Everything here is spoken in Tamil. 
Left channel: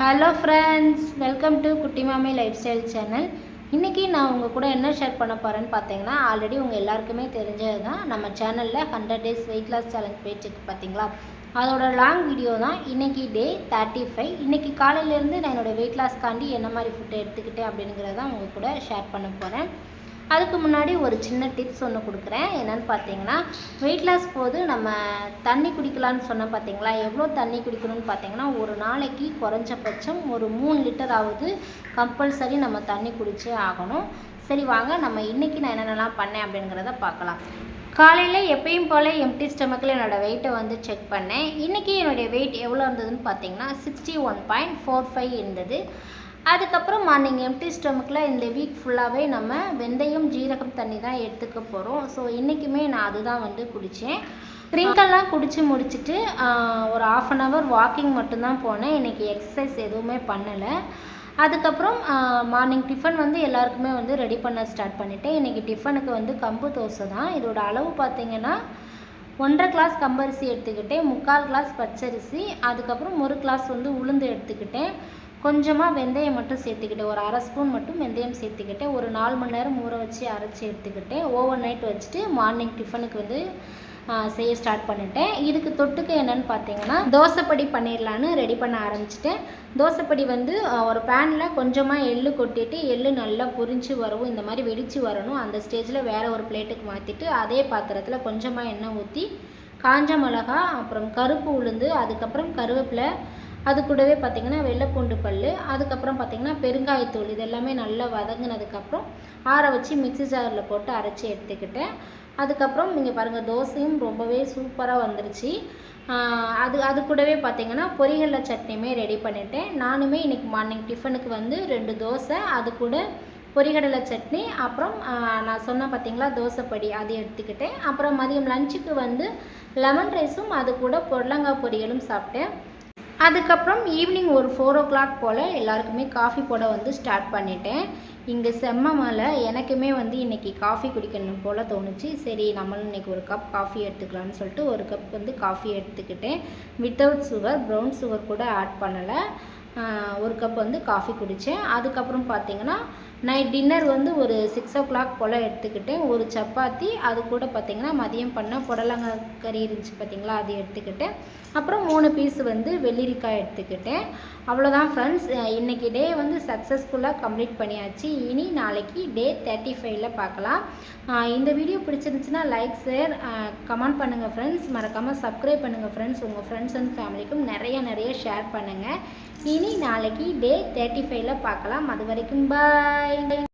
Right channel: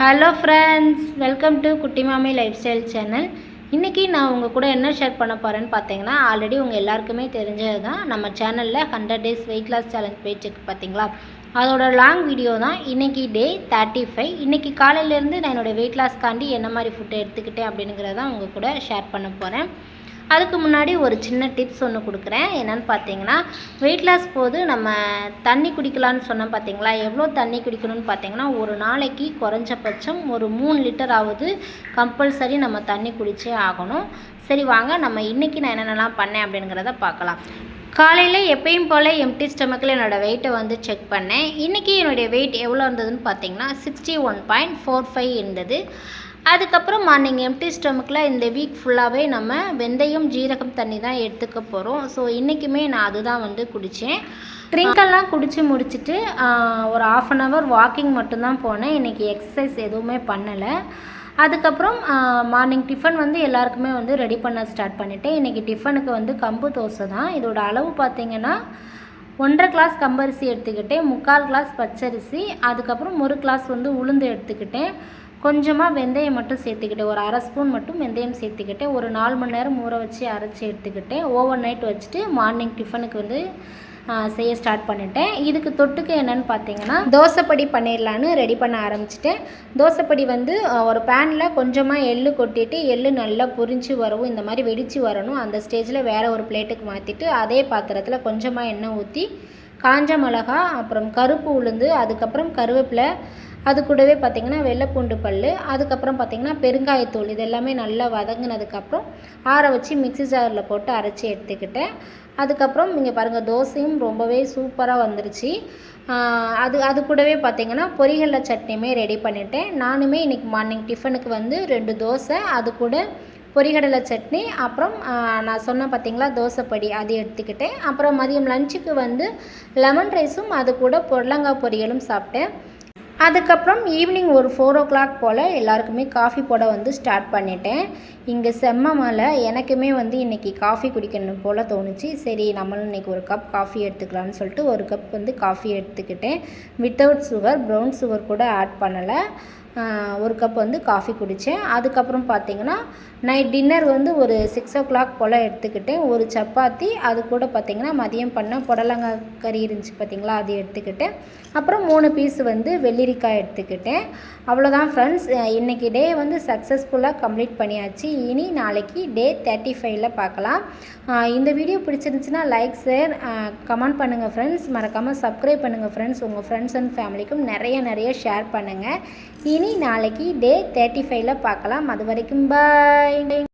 ஹலோ ஃப்ரெண்ட்ஸ், வெல்கம் டு குட்டி மாமி லைஃப் ஸ்டைல் சேனல். இன்றைக்கி நான் உங்கள் கூட என்ன ஷேர் பண்ண போகிறேன்னு பார்த்தீங்கன்னா, ஆல்ரெடி உங்கள் எல்லாருக்குமே தெரிஞ்சது தான். நம்ம சேனலில் 100 days வெயிட் லாஸ் சேலஞ்ச் போயிட்டுருக்கு பார்த்தீங்களா, அதோட லாங் வீடியோ தான். இன்றைக்கி டே 35. இன்றைக்கி காலையிலேருந்து நான் என்னோடய வெயிட் லாஸ்க்காண்டி என்ன மாதிரி ஃபுட்டை எடுத்துக்கிட்டேன் அப்படிங்கிறதான் உங்கள் கூட ஷேர் பண்ண போகிறேன். அதுக்கு முன்னாடி ஒரு சின்ன டிப்ஸ் ஒன்று கொடுக்குறேன். என்னென்னு பார்த்தீங்கன்னா, வெயிட் லாஸ் போது நம்ம தண்ணி குடிக்கலான்னு சொன்னோம் பார்த்தீங்களா. எவ்வளோ தண்ணி குடிக்கணும்னு பார்த்தீங்கன்னா, ஒரு நாளைக்கு குறைஞ்சபட்சம் ஒரு 3 லிட்டர் ஆகுது கம்பல்சரி நம்ம தண்ணி குடிச்சே ஆகணும். சரி வாங்க, நம்ம இன்றைக்கி நான் என்னென்னலாம் பண்ணேன் அப்படிங்கிறத பார்க்கலாம். காலையில் எப்பயும் போல் எம்டி ஸ்டமக்கில் என்னோடய வெயிட்டை வந்து செக் பண்ணேன். இன்றைக்கி என்னுடைய வெயிட் எவ்வளோ இருந்ததுன்னு பார்த்தீங்கன்னா 61.45 இருந்தது. அதுக்கப்புறம் மார்னிங் எம்டி ஸ்டமக்கில் இந்த வீக் ஃபுல்லாகவே நம்ம வெந்தயம் ஜீரகம் தண்ணி தான் எடுத்துக்க போகிறோம். ஸோ இன்றைக்குமே நான் அதுதான் வந்து குடித்தேன். ட்ரிங்கெல்லாம் குடித்து முடிச்சுட்டு ஒரு 1/2 hour வாக்கிங் மட்டும்தான் போனேன். இன்றைக்கி எக்ஸசைஸ் எதுவுமே பண்ணலை. அதுக்கப்புறம் மார்னிங் டிஃபன் வந்து எல்லாருக்குமே வந்து ரெடி பண்ண ஸ்டார்ட் பண்ணிவிட்டேன். இன்றைக்கி டிஃபனுக்கு வந்து கம்பு தோசை தான். இதோட அளவு பார்த்திங்கன்னா 1.5 கிளாஸ் கம்பரிசி எடுத்துக்கிட்டேன், 3/4 கிளாஸ் பச்சரிசி, அதுக்கப்புறம் 1 கிளாஸ் வந்து உளுந்து எடுத்துக்கிட்டேன். கொஞ்சமாக வெந்தயம் மட்டும் சேர்த்துக்கிட்டேன், ஒரு 1/2 ஸ்பூன் மட்டும் வெந்தயம் சேர்த்துக்கிட்டேன். ஒரு 4 மணி நேரம் ஊற வச்சு அரைச்சி எடுத்துக்கிட்டேன். ஓவர் நைட் வச்சுட்டு மார்னிங் டிஃபனுக்கு வந்து செய்ய ஸ்டார்ட் பண்ணிட்டேன். இதுக்கு தொட்டுக்கு என்னென்னு பார்த்தீங்கன்னா, தோசைப்படி பண்ணிடலான்னு ரெடி பண்ண ஆரம்பிச்சிட்டேன். தோசைப்படி வந்து ஒரு பேனில் கொஞ்சமாக எள்ளு கொட்டிட்டு, எள்ளு நல்லா பொரிஞ்சு வரவும் இந்த மாதிரி வெடித்து வரணும். அந்த ஸ்டேஜில் வேறு ஒரு பிளேட்டுக்கு மாற்றிட்டு அதே பாத்திரத்தில் கொஞ்சமாக எண்ணெய் ஊற்றி காஞ்ச மிளகா, அப்புறம் கருப்பு உளுந்து, அதுக்கப்புறம் கருவேப்பிலை, அது கூடவே பார்த்திங்கன்னா வெள்ளைப்பூண்டு பல், அதுக்கப்புறம் பார்த்திங்கன்னா பெருங்காயத்தூள், இது எல்லாமே நல்லா வதங்கினதுக்கப்புறம் ஆற வச்சு மிக்ஸி ஜாரில் போட்டு அரைச்சி எடுத்துக்கிட்டேன். அதுக்கப்புறம் இங்கே பாருங்கள், தோசையும் ரொம்பவே சூப்பராக வந்துருச்சு. அது கூடவே பார்த்திங்கன்னா பொரிகடலை சட்னியுமே ரெடி பண்ணிட்டேன். நானுமே இன்றைக்கி மார்னிங் டிஃபனுக்கு வந்து 2 தோசை, அது கூட பொரிகடலை சட்னி, அப்புறம் நான் சொன்னேன் பார்த்திங்களா தோசைப்படி, அது எடுத்துக்கிட்டேன். அப்புறம் மதியம் லஞ்சுக்கு வந்து லெமன் ரைஸும் அது கூட புடலங்காய் பொரியலும் சாப்பிட்டேன். அதுக்கப்புறம் ஈவினிங் ஒரு 4 o'clock போல் எல்லாருக்குமே காஃபி போட வந்து ஸ்டார்ட் பண்ணிட்டேன். இங்கே செம்ம மழை, எனக்குமே வந்து இன்றைக்கி காஃபி குடிக்கணும் போல் தோணுச்சு. சரி நம்மளும் இன்றைக்கி ஒரு கப் காஃபி எடுத்துக்கலான்னு சொல்லிட்டு ஒரு கப் வந்து காஃபி எடுத்துக்கிட்டேன். வித்தவுட் சுகர், ப்ரௌன் சுகர் கூட ஆட் பண்ணலை. ஒரு கப் வந்து காஃபி குடித்தேன். அதுக்கப்புறம் பார்த்திங்கன்னா நைட் டின்னர் வந்து ஒரு 6 o'clock போல் எடுத்துக்கிட்டேன். ஒரு சப்பாத்தி, அது கூட பார்த்திங்கன்னா மதியம் பண்ண புடலங்காய் கறி இருந்துச்சு பார்த்திங்களா, அது எடுத்துக்கிட்டேன். அப்புறம் 3 பீஸ் வந்து வெள்ளரிக்காய் எடுத்துக்கிட்டேன். அவ்வளோதான் ஃப்ரெண்ட்ஸ், இன்றைக்கி டே வந்து சக்ஸஸ்ஃபுல்லாக கம்ப்ளீட் பண்ணியாச்சு. இனி நாளைக்கு டே 35ல் பார்க்கலாம். இந்த வீடியோ பிடிச்சிருந்துச்சுன்னா லைக், ஷேர், கமெண்ட் பண்ணுங்கள் ஃப்ரெண்ட்ஸ். மறக்காமல் சப்ஸ்கிரைப் பண்ணுங்கள் ஃப்ரெண்ட்ஸ். உங்கள் ஃப்ரெண்ட்ஸ் அண்ட் ஃபேமிலிக்கும் நிறைய ஷேர் பண்ணுங்கள். இனி நாளைக்கு டே 35ல் பார்க்கலாம். அது வரைக்கும் பாய்.